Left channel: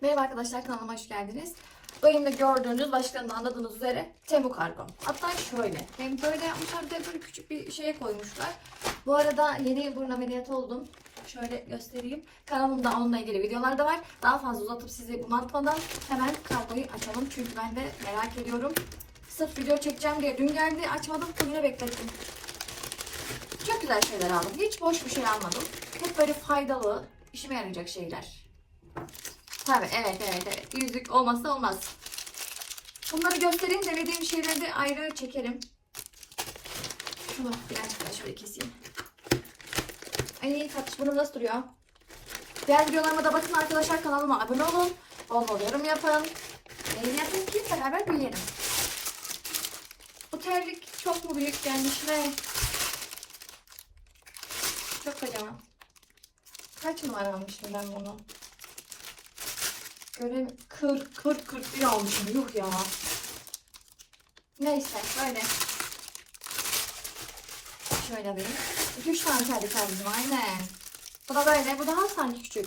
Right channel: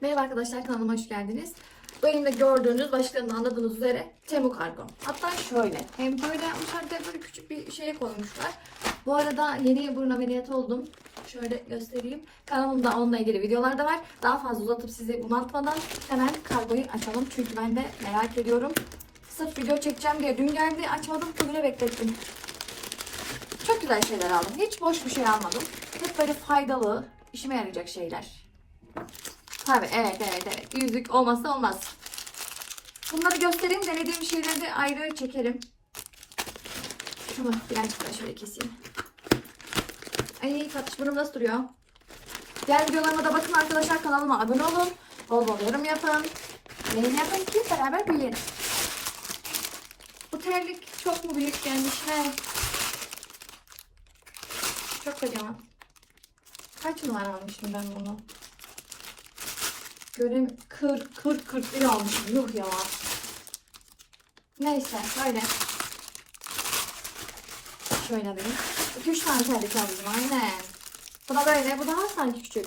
Merhaba arkadaşlar kanalıma hoş geldiniz. Bu elimde gördüğünüz başlarında anladığınız üzere Temu kargo. Hatta şöyle hem böyle yapmışlar bir de böyle küçük bir şeye koymuşlar. Bu arada yeni burun ameliyatı oldum. Şöyle göstereyim. Kanalımda onunla ilgili videolar da var. Daha fazla uzatıp sizi bunaltmadan hemen kargoyu açalım. Çünkü ben de merak ediyorum. Sırf video çekeceğim diye dün geldi açmadım. Bugüne beklettim. Çok güzel şeyler aldım. Hiç boş bir şey almadım. Hep böyle faydalı, işime yarayacak şeyler. Tabii evet evet evet. Yüzük olmazsa olmaz. Bunları göstereyim. Denediğim şeyleri de ayrı çekerim. Şunu birazcık daha şöyle keseyim. Ay tatlış burnum nasıl duruyor? Diğer videolarıma da bakın arkadaşlar. Kanalıma abone olun. Bol bol yorum yapın. Beğeni yapın ki beraber büyüyelim. Bu terlik çok mu büyük gelmiş ne? Çok kocaman. Kaç numara almıştım ben bunu? Görün 40 40 41 almışım. Yuh ya. Neyse böyle. Şöyle alayım. 2-3 tane terlik aldım aynen. Bu da böyle. Bu daha sanki küçük.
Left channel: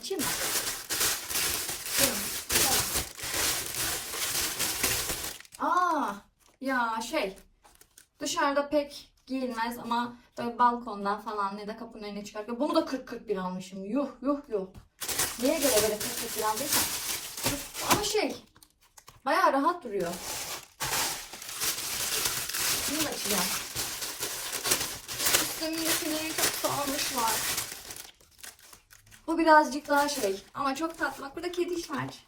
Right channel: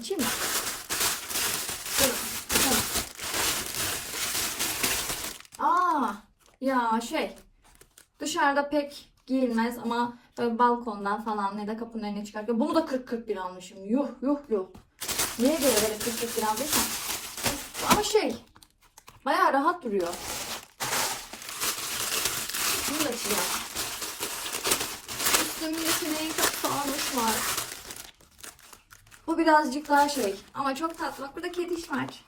Açayım mı? Aa, ya şey. Dışarıda pek giyilmez ama böyle balkondan falan ya da kapının önüne çıkarken bunu da 40-41 almışım. Yuh yuh yuh. Niye göre böyle 40-41 aldıysam? Ama şey bayağı rahat duruyor. Bunu da açacağım. Üstümdekini çok sağlamış var. Bu birazcık daha şey ama çok tatlı. Bak burada kedi iş var.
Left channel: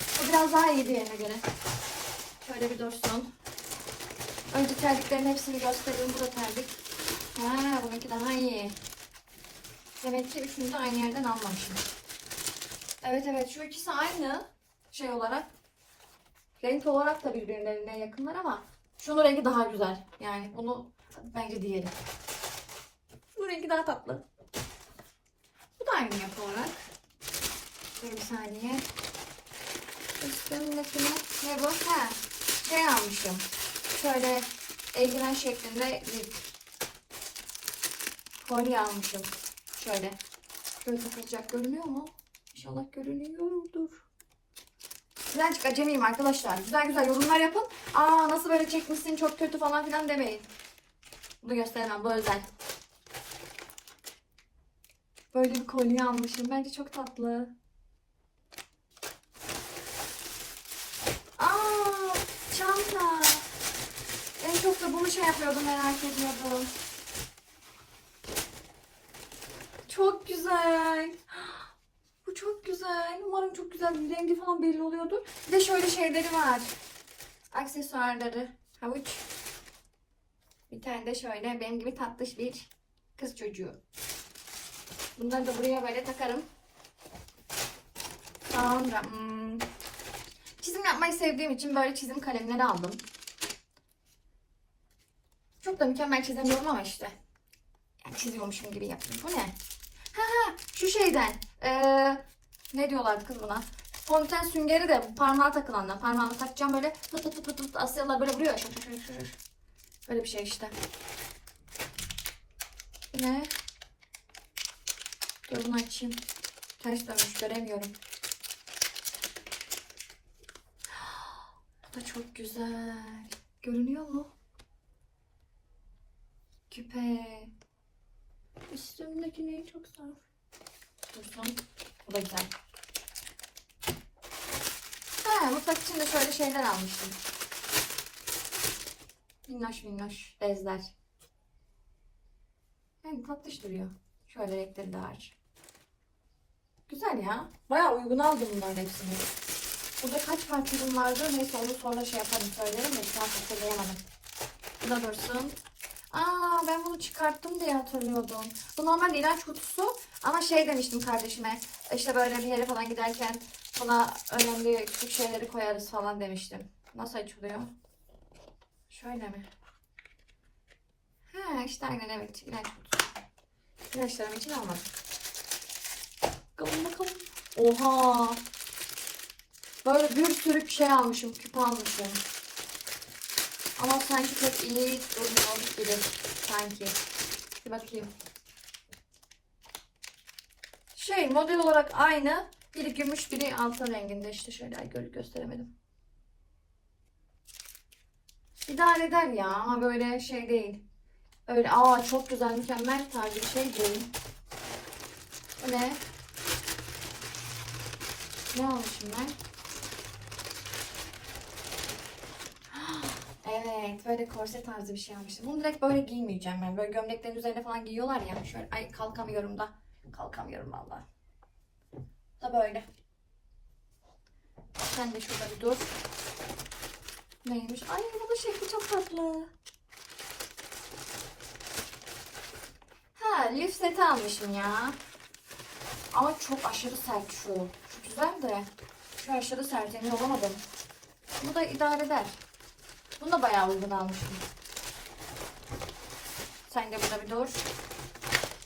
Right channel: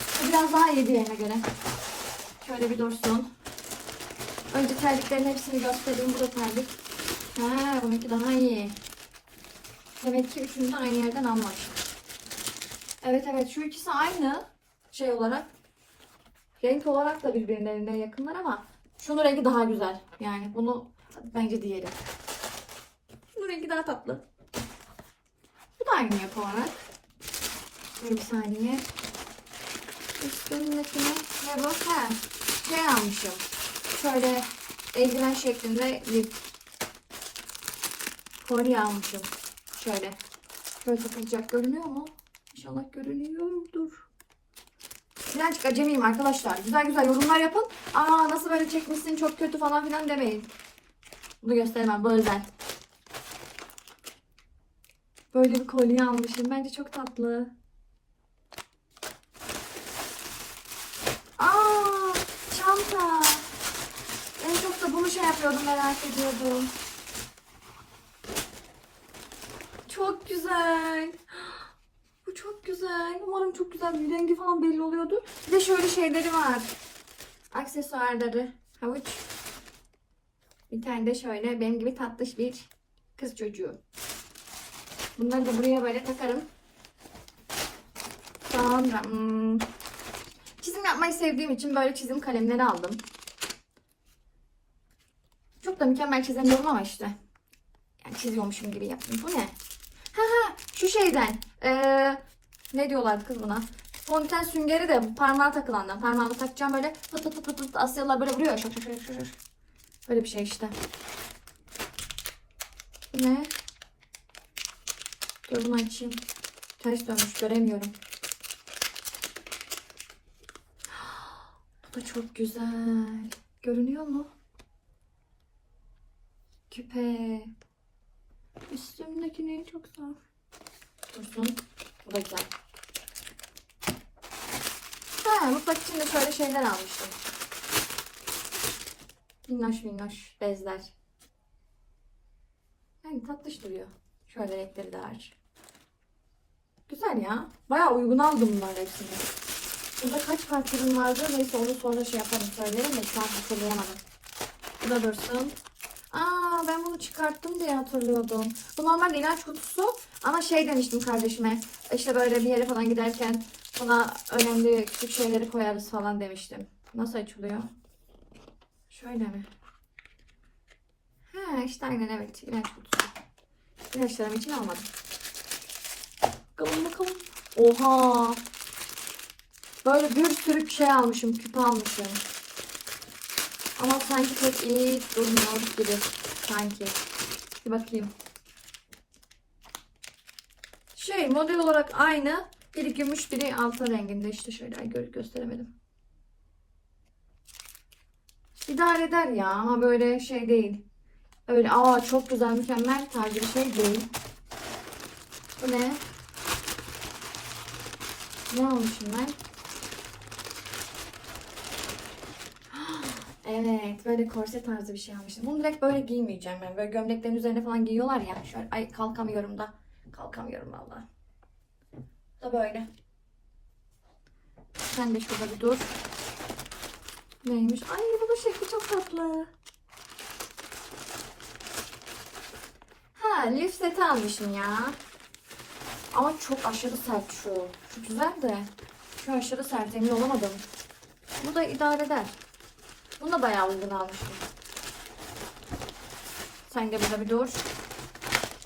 Bu biraz daha iyi diğerine göre. Şöyle bir dursun. Önce terliklerin hepsini göstereyim. Bu da terlik. Ha, bununki daha iyi. Demek ki üçünü de aynı yerden almamışım. Evet evet şu ikisi aynı şey olarak. Renk olarak da birbirlerine yakınlar ama şunun rengi daha güzel. Yani bunu bence diğeri. Şunun rengi daha tatlı. Bu da aynı yapı olarak. Bir saniye. Üstündekine ne bu? Ha, şey almışım. Şöyle eldiven şeklinde bir kolye almışım. Şöyle. Şöyle takılacak görünüyor mu? İnşallah görünüyordur. Birazcık acemiyim arkadaşlar. Güzel güzel yorumlar yapın. Aa nasıl böyle çekmişsin çok kötü falan filan demeyin. Bunu gösteremem bu özel. Böyle bir kolye almışım. Bence çok tatlı. Aa çanta. En çok da bunu şey yapıyordum merak ediyordum. Çok güzel. Bu çok güzel. Umarım çok güzel bir rengi falan belli oluyordu. Bir de şöyle şeyleri var. Aksesuarları. Havuç. Bir tane de şöyle benim gibi tatlış bir kız çocuğu. Bunları da buraya böyle takarım. Sonra hmm, çizim yapmayı sevdiğim için böyle çizim kalemleri aldım. Da mükemmel çizemiyorum ama işte. Yani çiziyormuşum gibi yaptım. Bu ne? Ha ha şu şeyden. Ee, ne diyorlardı kız buna? Fonten süngeri de parmağa takılandan. Parmağımı takacağım böyle pıt pıt pıt pıt pıt Asyalılar böyle vuruyor. Şak şak şak şak. Böyle bir şey işte. Ne? Dur bunu açayım. Ters dönmüş göremiyorum. Bu da çok güzel. Görünüyor mu? Küpe. Üstümdekini çok zor. Dursun. Bu da güzel. Ha, mutfak için de şöyle şeyler almıştım. Minnoş minnoş bezler. Yani tatlış duruyor. Şöyle renkleri de var. Güzel ya. Bayağı uygun aldım bunların hepsini. Burada kaç parça ürün vardı? Neyse onu sonra şey yaparım söylerim de şu an hatırlayamadım. Bu da dursun. Aa ben bunu çıkarttım diye hatırlıyordum. Bu normal ilaç kutusu ama şey demiştim kardeşime. İşte böyle bir yere falan giderken buna önemli küçük şeyleri koyarız falan demiştim. Nasıl açılıyor? Şöyle mi? Ha işte aynen evet ilaç kutusu. İlaçlarım için almadım. Bakalım bakalım. Oha. Böyle bir sürü şey almışım. Küpe almışım. Ama sanki pek iyi durmuyor gibi. Sanki. Bir bakayım. Şey model olarak aynı. Biri gümüş biri altın renginde işte şöyle gö- gösteremedim. İdare eder ya ama böyle şey değil. Öyle aa çok güzel mükemmel tarzı bir şey değil. Bu ne? Ne almışım ben? Evet böyle korse tarzı bir şey almıştım. Bunu direkt böyle giymeyeceğim ben. Böyle gömleklerin üzerine falan giyiyorlar ya. Şöyle ay kalkamıyorum da. Kalkamıyorum vallahi. Da böyle. Sen de şurada bir dur. Neymiş? Ay bu da şekli çok tatlı. Ha lif seti almışım ya. Ama çok aşırı sert şu. Çok güzel de. Şu aşırı sert emin olamadım. Bu da idare eder. Bunu da bayağı uygun almıştım. Sen de burada bir dur.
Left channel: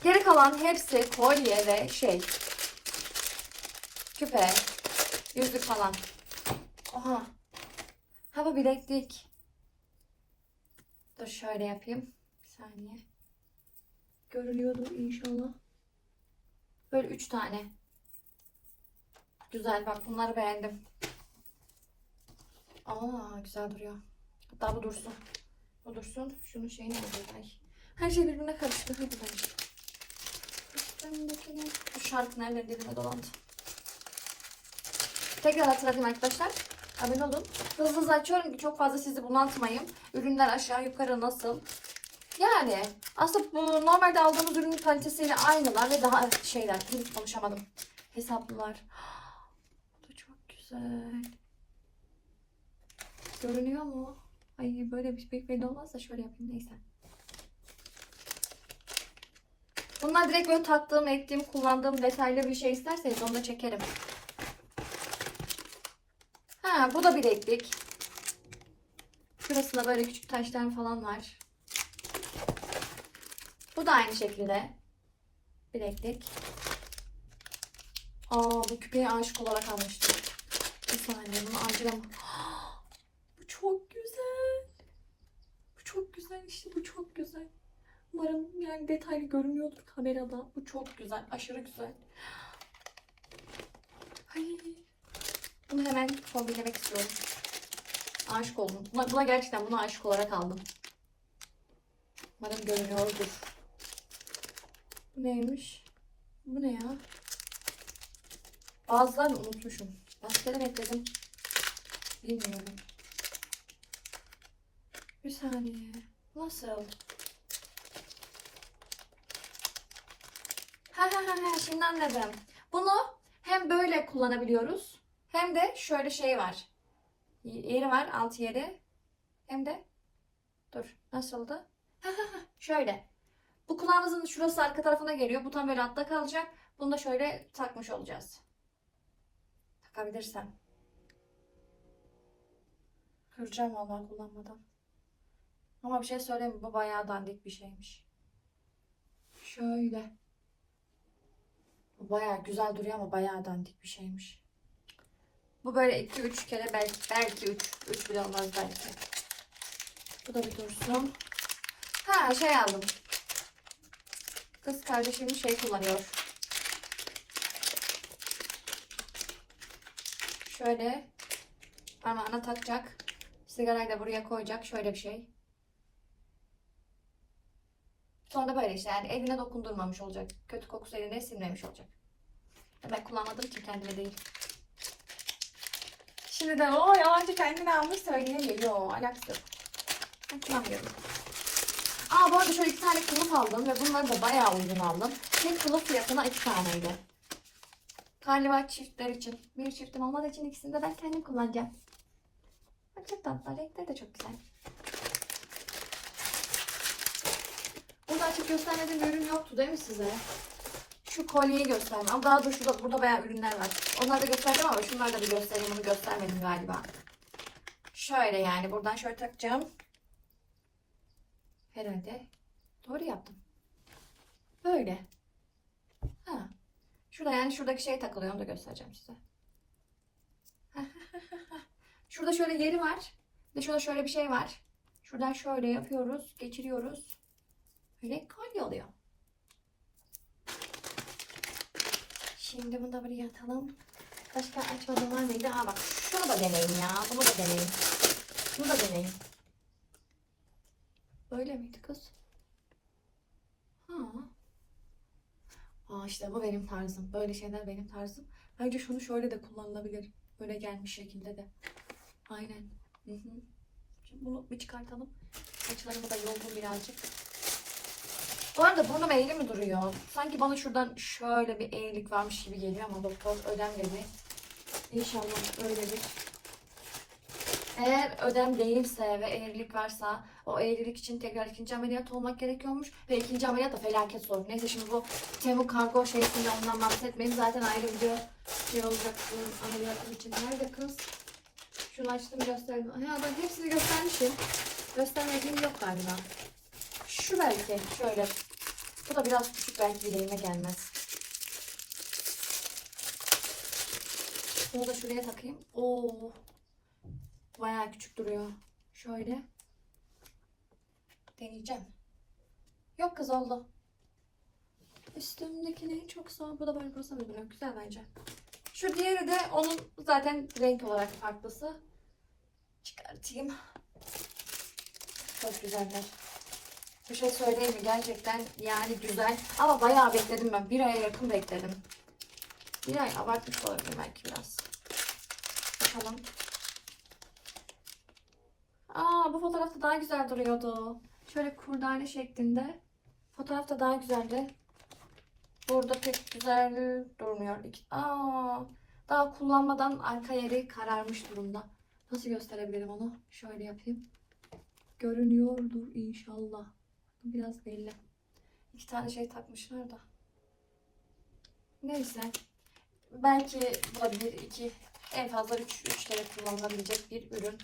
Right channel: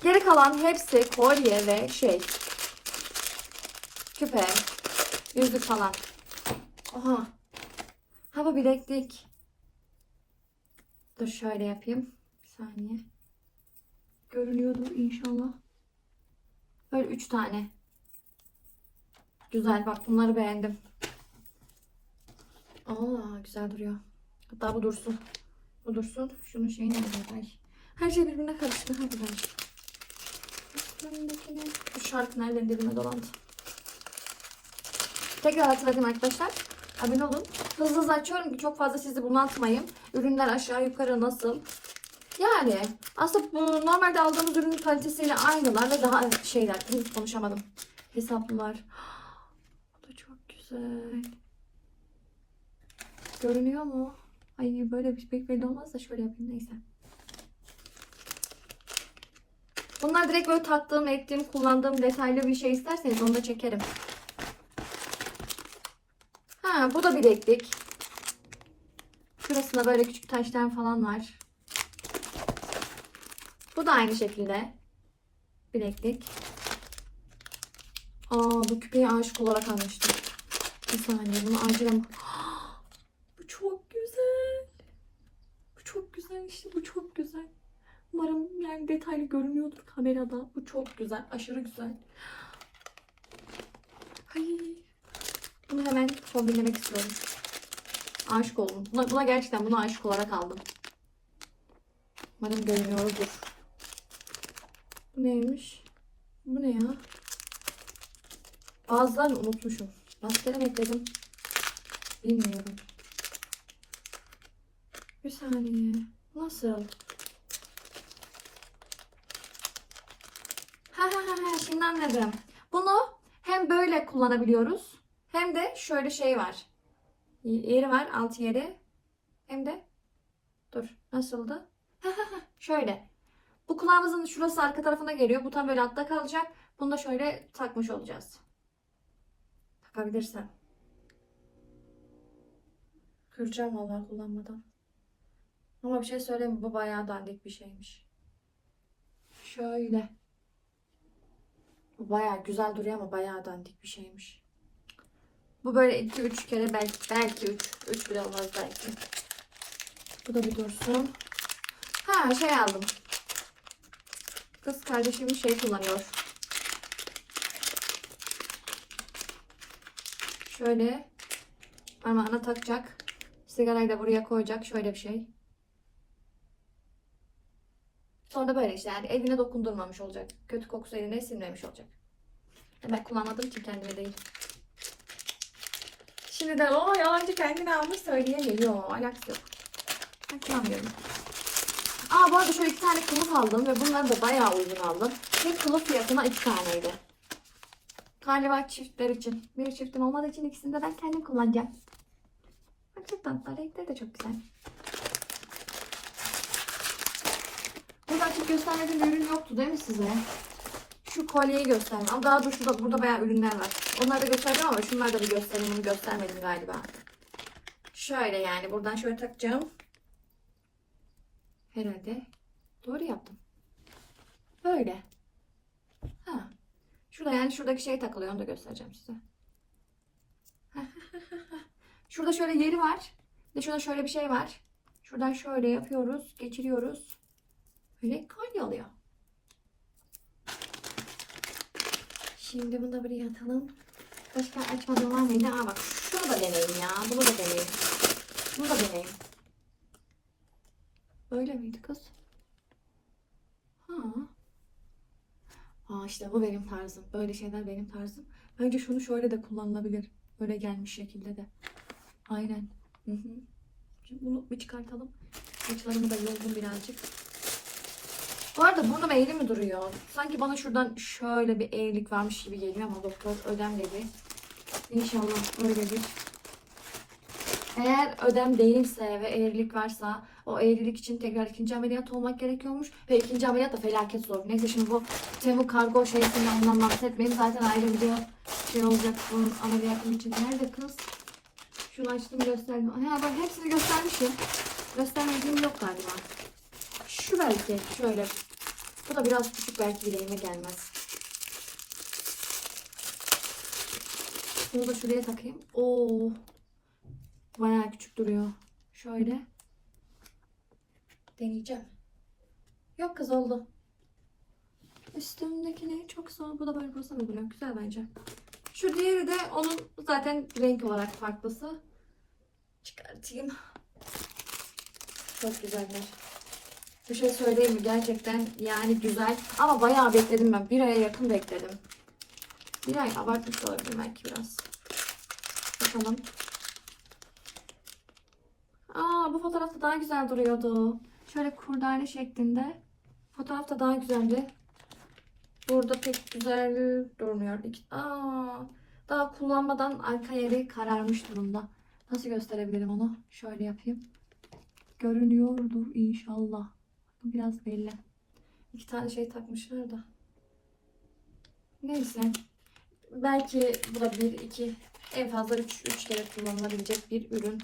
Geri kalan hepsi kolye ve şey. Küpe. Yüzük falan. Oha. Ha bu bileklik. Dur şöyle yapayım. Bir saniye. Görünüyordur inşallah. Böyle üç tane. Güzel bak bunları beğendim. Aa güzel duruyor. Hatta bu dursun. Bu dursun. Şunun şeyi nerede? Ay. Her şey birbirine karıştı. Hadi ben. Bu şarkı nereden dibine dolandı. Tekrar hatırlatayım arkadaşlar. Abone olun. Hızlı hızlı açıyorum ki çok fazla sizi bunaltmayayım. Ürünler aşağı yukarı nasıl? Yani aslında bu normalde aldığımız ürünün kalitesiyle aynılar ve daha şeyler. Hiç konuşamadım. Hesaplılar. Bu da çok güzel. Görünüyor mu? Ay böyle bir pek belli olmaz da şöyle yapayım neyse. Bunlar direkt böyle taktığım, ektiğim, kullandığım detaylı bir şey isterseniz onu da çekerim. Ha bu da bileklik. Şurasında böyle küçük taşlar falan var. Bu da aynı şekilde. Bileklik. Aa bu küpeyi aşık olarak almıştım. Bir saniye bunu acilen... Bu çok güzel. Bu çok güzel işte bu çok güzel. Umarım yani detaylı görünüyordur kamerada. Bu çok güzel. Aşırı güzel. Ay. Bunu hemen kombinlemek istiyorum. Aşık oldum. Buna, buna gerçekten buna aşık olarak aldım. Umarım görünüyordur. Bu neymiş? Bu ne ya? Bazılarını unutmuşum. Rastlara ekledim. Bilmiyorum. Bir saniye. Nasıl? Ha şimdi anladım. Bunu hem böyle kullanabiliyoruz hem de şöyle şey var. Yeri var alt yeri. Hem de dur nasıldı? Şöyle. Bu kulağımızın şurası arka tarafına geliyor. Bu tam böyle altta kalacak. Bunu da şöyle takmış olacağız. Takabilirsem. Kıracağım vallahi kullanmadan. Ama bir şey söyleyeyim mi? Bu bayağı dandik bir şeymiş. Şöyle. Bu bayağı güzel duruyor ama bayağı dandik bir şeymiş. Bu böyle 2-3 kere belki belki 3 3 bile olmaz belki. Bu da bir dursun. Ha şey aldım. Kız kardeşim şey kullanıyor. Şöyle parmağına takacak. Sigarayı da buraya koyacak. Şöyle bir şey. Sonra böyle işte yani eline dokundurmamış olacak. Kötü kokusu eline sinmemiş olacak. Ben kullanmadım ki kendime değil. Şimdi de o yalancı kendine almış söyleyemiyor. Yok alakası yok. Ben kullanmıyorum. Aa bu arada şöyle iki tane kılıf aldım ve bunları da bayağı uygun aldım. Bir kılıf fiyatına iki taneydi. Galiba çiftler için. Bir çiftim olmadığı için ikisini de ben kendim kullanacağım. Tatlı. Renkleri de çok güzel. Burada açıp göstermediğim ürün yoktu değil mi size? Şu kolyeyi göstermem. Ama Daha şurada, burada bayağı ürünler var. Onları da göstereceğim ama şunları da bir göstereyim. Bunu göstermedim galiba. Şöyle yani buradan şöyle takacağım. Herhalde. Doğru yaptım. Böyle. Ha. Şurada yani şuradaki şey takılıyor. Onu da göstereceğim size. Şurada şöyle yeri var. Ve şurada şöyle bir şey var. Şuradan şöyle yapıyoruz. Geçiriyoruz. Böyle kolye oluyor. Şimdi bunu da buraya atalım. Başka açmadığım var mıydı? Aa bak şunu da deneyin ya. Bunu da deneyin. Bunu da deneyin. Öyle miydi kız? Ha. Aa işte bu benim tarzım. Böyle şeyler benim tarzım. Bence şunu şöyle de kullanılabilir. Böyle gelmiş şekilde de. Aynen. Hı hı. Şimdi bunu bir çıkartalım. Saçlarımı da yoldum birazcık. Bu arada burnum eğri mi duruyor? Sanki bana şuradan şöyle bir eğrilik varmış gibi geliyor ama doktor ödem dedi. İnşallah öyledir. Eğer ödem değilse ve eğrilik varsa o eğrilik için tekrar ikinci ameliyat olmak gerekiyormuş. Ve ikinci ameliyat da felaket zor. Neyse şimdi bu Temu kargo şeysinde ondan bahsetmeyin. Zaten ayrı video şey olacak bunun ameliyatım için. Nerede kız? Şunu açtım gösterdim. Ha ben hepsini göstermişim. Göstermediğim yok galiba. Şu belki şöyle. Bu da biraz küçük belki bileğime gelmez. Bunu da şuraya takayım. Oo. Bayağı küçük duruyor. Şöyle. Deneyeceğim. Yok kız oldu. Üstümdeki ne çok zor. Bu da böyle burası mı duruyor? Güzel bence. Şu diğeri de onun zaten renk olarak farklısı. Çıkartayım. Çok güzeller. Bir şey söyleyeyim mi? Gerçekten yani güzel. Ama bayağı bekledim ben. Bir aya yakın bekledim. Bir ay abartmış olabilirim belki biraz. Bakalım. Aa bu fotoğrafta daha güzel duruyordu. Şöyle kurdale şeklinde. Fotoğrafta daha güzeldi. Burada pek güzel durmuyor. Aa, daha kullanmadan arka yeri kararmış durumda. Nasıl gösterebilirim onu? Şöyle yapayım. Görünüyordur inşallah. Biraz belli. İki tane şey takmışlar da. Neyse. Belki bu da bir, iki, en fazla üç, üç kere kullanılabilecek bir ürün.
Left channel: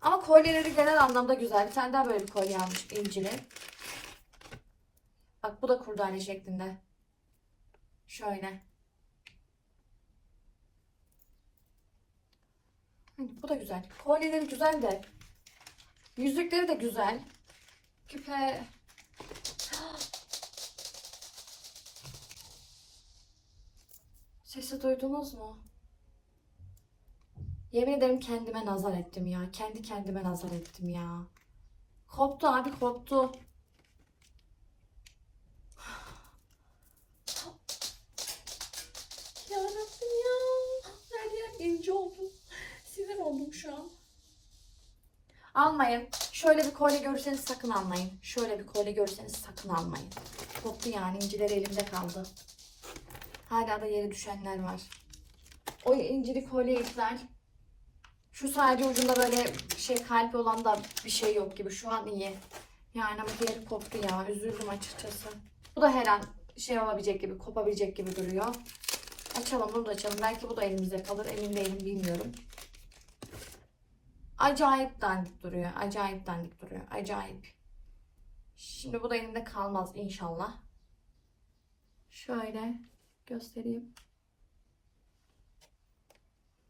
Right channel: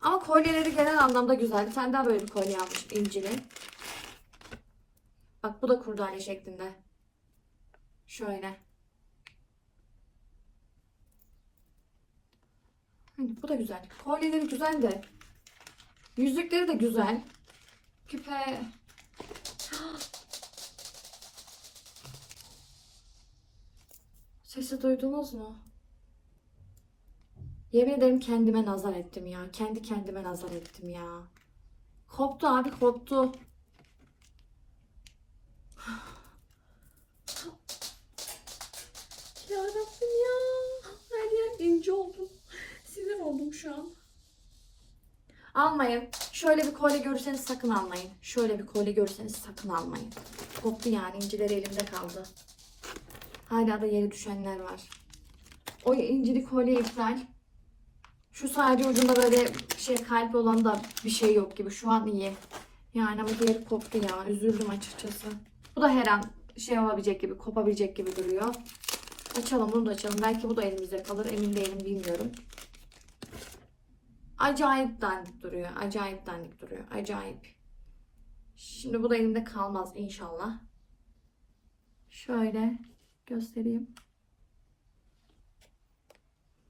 Ama kolyeleri genel anlamda güzel. Bir daha böyle bir kolye almışım incili. Bak bu da kurdane şeklinde. Şöyle. Hani bu da güzel. Kolyeleri güzel de. Yüzükleri de güzel. Küpe. Sesi duydunuz mu? Yemin ederim kendime nazar ettim ya. Kendi kendime nazar ettim ya. Koptu abi koptu. Ya Rabbim ya. Her yer ince oldum. Sinir oldum şu an. Almayın. Şöyle bir kolye görürseniz sakın almayın. Şöyle bir kolye görürseniz sakın almayın. Koptu yani incileri elimde kaldı. Hala da yere düşenler var. O incili kolye iptal. Şu sadece ucunda böyle şey kalp olan da bir şey yok gibi. Şu an iyi. Yani ama diğeri koptu ya. Üzüldüm açıkçası. Bu da her an şey olabilecek gibi, kopabilecek gibi duruyor. Açalım bunu da açalım. Belki bu da elimizde kalır. Emin değilim bilmiyorum. Acayip dandik duruyor. Acayip dandik duruyor. Acayip. Şimdi bu da elimde kalmaz inşallah. Şöyle göstereyim.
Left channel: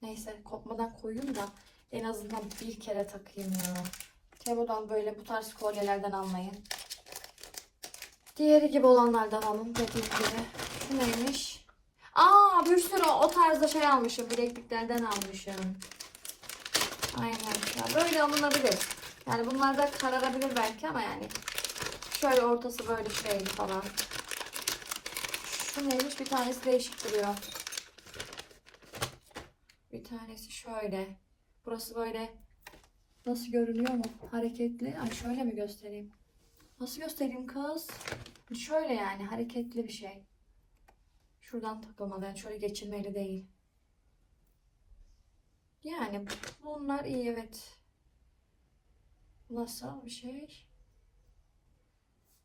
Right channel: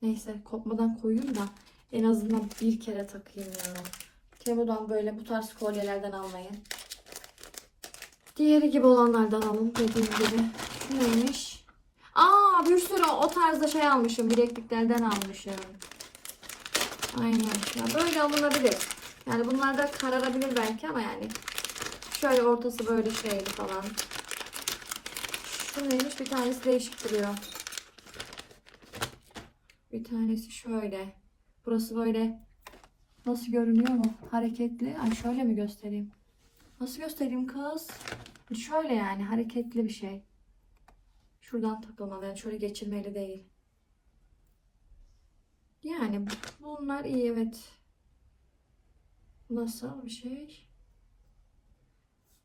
Neyse kopmadan koyayım da en azından bir kere takayım ya. Temu'dan böyle bu tarz kolyelerden almayın. Diğeri gibi olanlardan alın dediğim gibi. Şu neymiş? Aa bir sürü o tarzda şey almışım. Bilekliklerden almışım. Aynen. Ya böyle alınabilir. Yani bunlar da kararabilir belki ama yani. Şöyle ortası böyle şeyli falan. Şu neymiş? Bir tanesi değişik duruyor. Bir tanesi şöyle. Burası böyle nasıl görünüyor mu? Hareketli. Ay şöyle mi göstereyim? Nasıl göstereyim kız? Şöyle yani hareketli bir şey. Şuradan takılmalı. Yani şöyle geçirmeli değil. Yani bunlar iyi evet. Nasıl bir şey?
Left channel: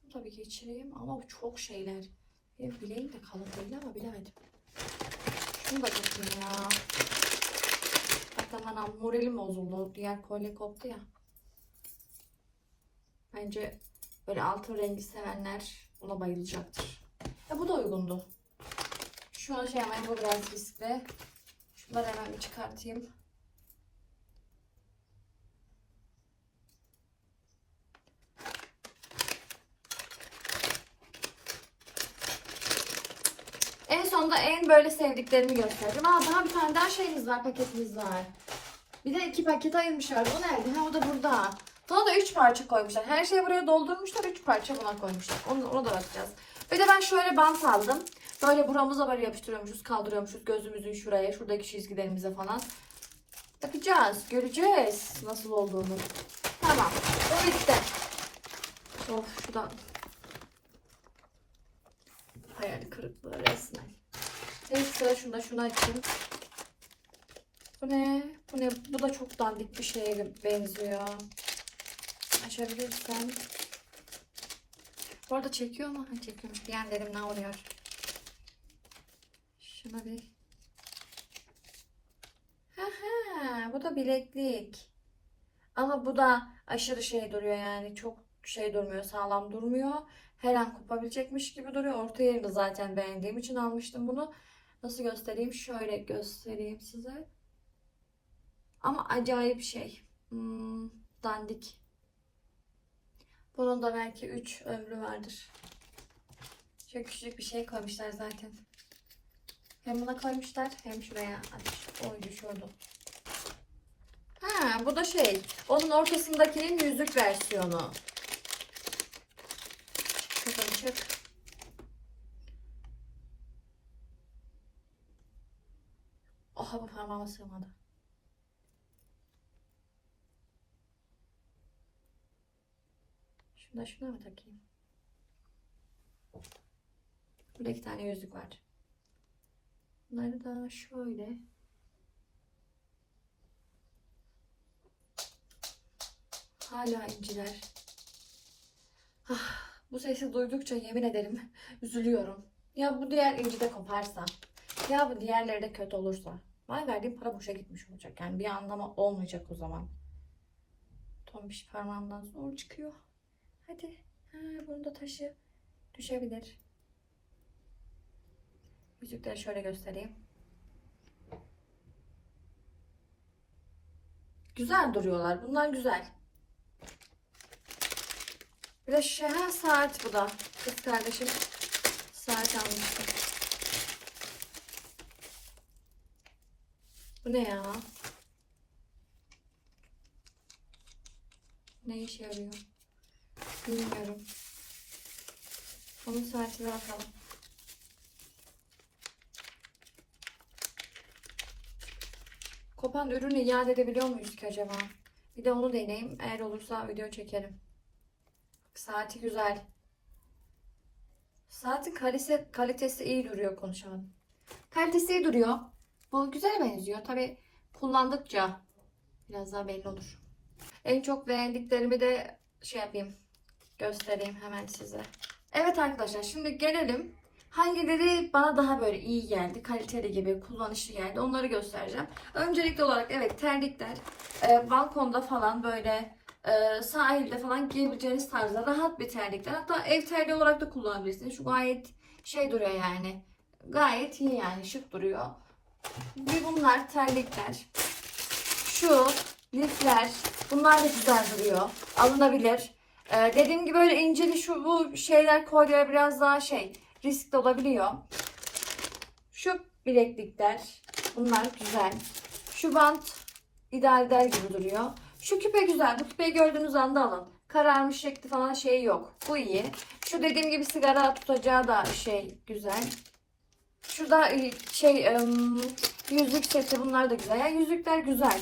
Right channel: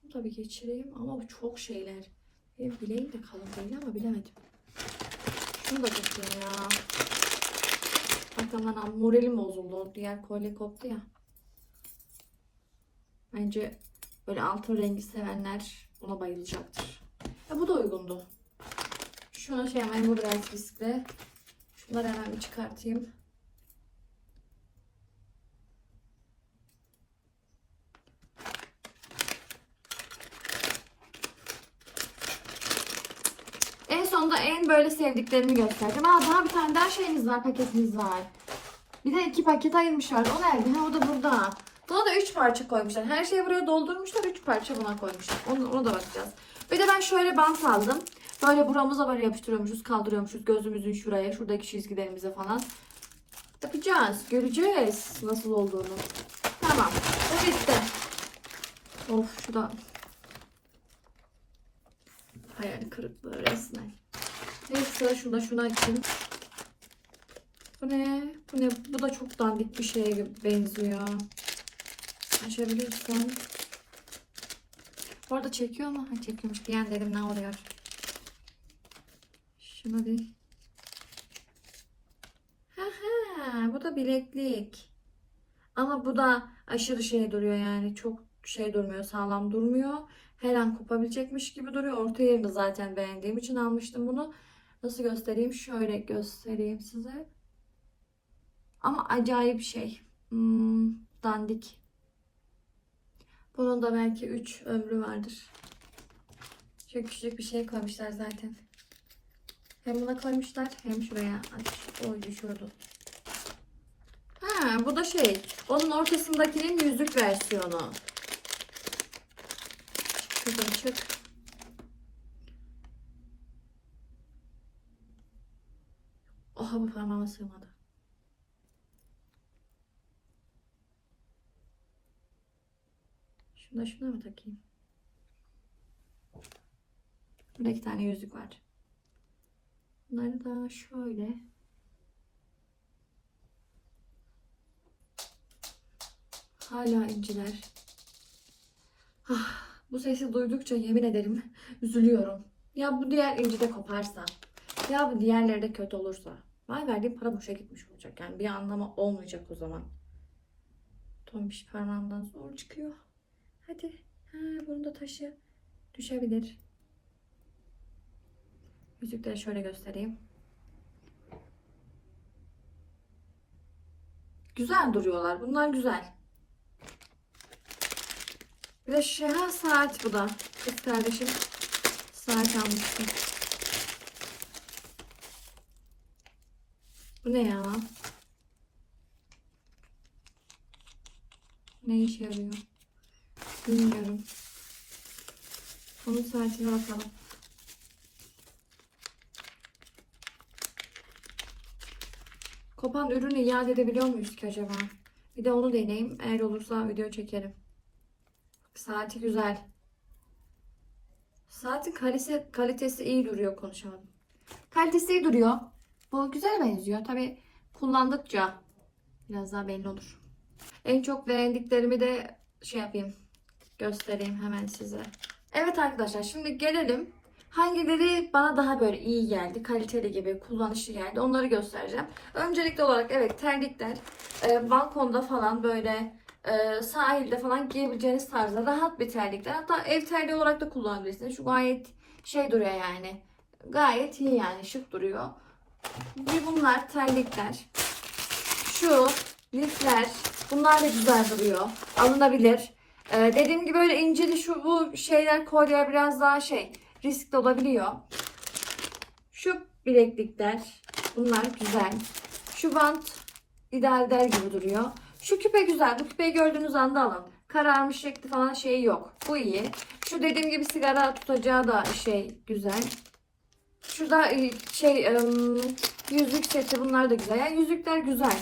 Bunu da bir geçireyim ama bu çok şeyler. Benim bileğim de kalın değil ama bilemedim. Şunu da geçeyim ya. Zaten bana moralim bozuldu. Diğer kolye koptu ya. Bence böyle altın rengi sevenler buna bayılacaktır. Ya bu da uygundu. Şunu şey hemen bu biraz riskli. Şunları hemen bir çıkartayım. En sonunda en böyle sevdiklerimi göstereceğim. Aa daha bir tane daha şeyimiz var, paketimiz var. Bir de iki paket ayırmışlar. O nerede? Ha o da burada. Buna da üç parça koymuşlar. Her şeyi buraya doldurmuşlar. Üç parça buna koymuşlar. Onu, ona da bakacağız. Bir de ben şöyle bant aldım. Böyle buramıza böyle yapıştırıyormuşuz, kaldırıyormuşuz. Gözümüzün şuraya, şuradaki çizgilerimize falan. Yapacağız. Göreceğiz nasıl olduğunu. Tamam. O bitti. Of şu da hayal kırıklığı resmen. Neyse sıra şunda şunu açayım. Bu ne? Bu ne? Bu da çok dandik bir şeye benziyor. Açabilirsem. Bu arada çekiyor mu? Ha, çekiyormuş. Diyenlerim ne oluyor? Şuna bir. Ha ha, bu da bileklik. Ama bu da aşırı şey duruyor yani. Çok şey durmuyor, sağlam durmuyor. Her an kopabilecekmiş gibi duruyor. Orta yerini zaten beğendiğim için almıştım bunu. Nasıl göstereyim? Şöyle göstereyim size. Ama acayip şey. Hmm, dandik. Bunun da belki 3 ömrü vardır. Çok küçük bir şey koymuşlar zaten. Hem buna koymuşlar hem şuraya. Ay, oy düşüyordu. Ha bu da şey. Onun ortasındakinin yüzük versiyonu. Kızım çık. Oha bu parmağıma sığmadı. Şunu da şuna mı takayım? Burada iki tane yüzük var. Bunları da şöyle. Hala inciler. Ah, bu sesi duydukça yemin ederim üzülüyorum. Ya bu diğer inci de koparsa. Ya bu diğerleri de kötü olursa. Vay verdiğim para boşa gitmiş olacak. Yani bir anlamı olmayacak o zaman. Tombiş parmağımdan zor çıkıyor. Hadi. Ha, bunu da taşı düşebilir. Yüzükleri şöyle göstereyim. Güzel duruyorlar. Bunlar güzel. Bir de şu ha, saat bu da. Kız kardeşim saat almıştı. Bu ne ya? Ne işe yarıyor? Bilmiyorum. Onun saatine bakalım. Kopan ürünü iade edebiliyor muyuz ki acaba? Bir de onu deneyeyim. Eğer olursa video çekerim. Saati güzel. Saatin kalitesi, kalitesi iyi duruyor konuşalım. Kalitesi iyi duruyor. Bu güzel benziyor. Tabi kullandıkça biraz daha belli olur. En çok beğendiklerimi de şey yapayım. Göstereyim hemen size. Evet arkadaşlar şimdi gelelim. Hangileri bana daha böyle iyi geldi, kaliteli gibi, kullanışlı geldi onları göstereceğim. Öncelikli olarak evet terlikler e, balkonda falan böyle e, sahilde falan giyebileceğiniz tarzda rahat bir terlikler. Hatta ev terliği olarak da kullanabilirsiniz. Şu gayet şey duruyor yani. Gayet iyi yani şık duruyor. Bir bunlar terlikler. Şu lifler. Bunlar da güzel duruyor. Alınabilir. Ee, dediğim gibi böyle inceli şu bu şeyler kolye biraz daha şey riskli olabiliyor. Şu bileklikler. Bunlar güzel. Şu bant ideal der gibi duruyor. Şu küpe güzel. Bu küpeyi gördüğünüz anda alın. Kararmış şekli falan şeyi yok. Bu iyi. Şu dediğim gibi sigara tutacağı da şey güzel. Şurada e, şey yüzük seti bunlar da güzel. Yani yüzükler güzel.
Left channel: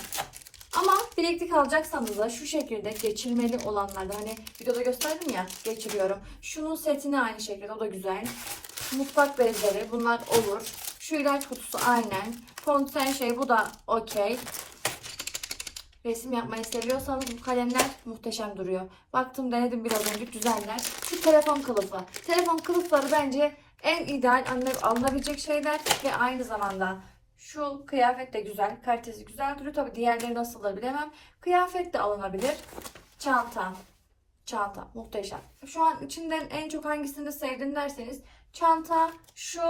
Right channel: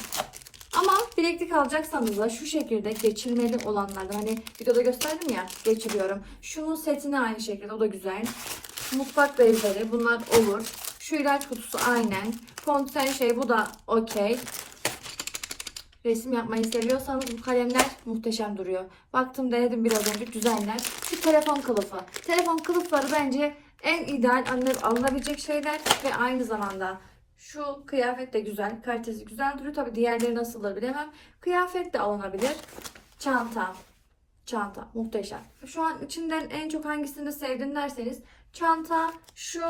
Ama bileklik alacaksanız da şu şekilde geçirmeli olanlardan hani videoda gösterdim ya geçiriyorum. Şunun setini aynı şekilde o da güzel. Mutfak bezleri bunlar olur. Şu ilaç kutusu aynen. Fonten şey bu da okey. Resim yapmayı seviyorsanız bu kalemler muhteşem duruyor. Baktım denedim biraz önce güzeller. Şu telefon kılıfı. Telefon kılıfları bence en ideal alına- alınabilecek şeyler ve aynı zamanda şu kıyafet de güzel. Kalitesi güzel duruyor. Tabi diğerleri nasıldır bilemem. Kıyafet de alınabilir. Çanta. Çanta. Muhteşem. Şu an içinden en çok hangisini sevdim derseniz çanta, şu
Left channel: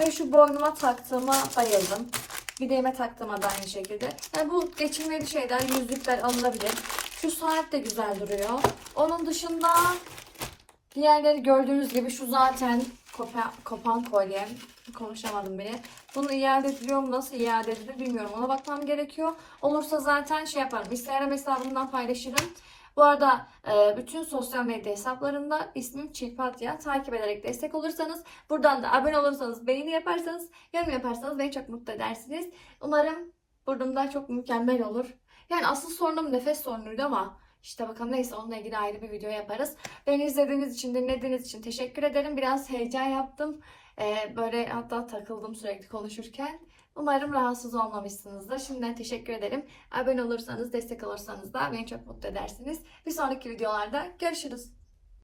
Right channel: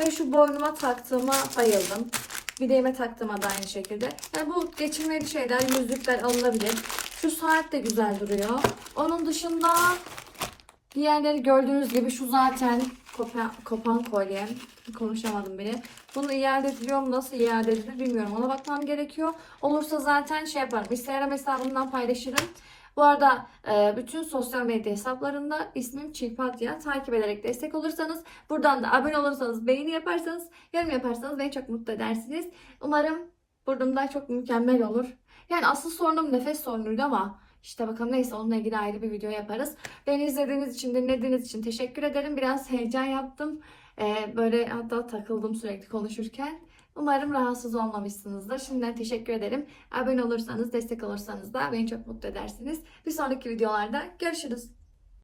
ve şu boynuma taktığıma bayıldım. Bileğime taktığıma da aynı şekilde. Yani bu geçirmeli şeyler, yüzükler alınabilir. Şu saat de güzel duruyor. Onun dışında Diğerleri gördüğünüz gibi şu zaten kopan, kopan kolyem. Konuşamadım bile. Bunu iade ediliyor mu? Nasıl iade edilir bilmiyorum. Ona bakmam gerekiyor. Olursa zaten şey yaparım. Instagram hesabımdan paylaşırım. Bu arada e, bütün sosyal medya hesaplarında ismim Çilpatya. Takip ederek destek olursanız, buradan da abone olursanız, beğeni yaparsanız, yorum yaparsanız beni çok mutlu edersiniz. Umarım burnumda çok mükemmel olur. Yani asıl sorunum nefes sorunuydu ama işte bakalım neyse onunla ilgili ayrı bir video yaparız. Beni izlediğiniz için, dinlediğiniz için teşekkür ederim. Biraz heyecan yaptım. Ee, böyle hatta takıldım sürekli konuşurken. Umarım rahatsız olmamışsınızdır. Şimdiden teşekkür ederim. Abone olursanız, destek olursanız da beni çok mutlu edersiniz. Bir sonraki videolarda görüşürüz.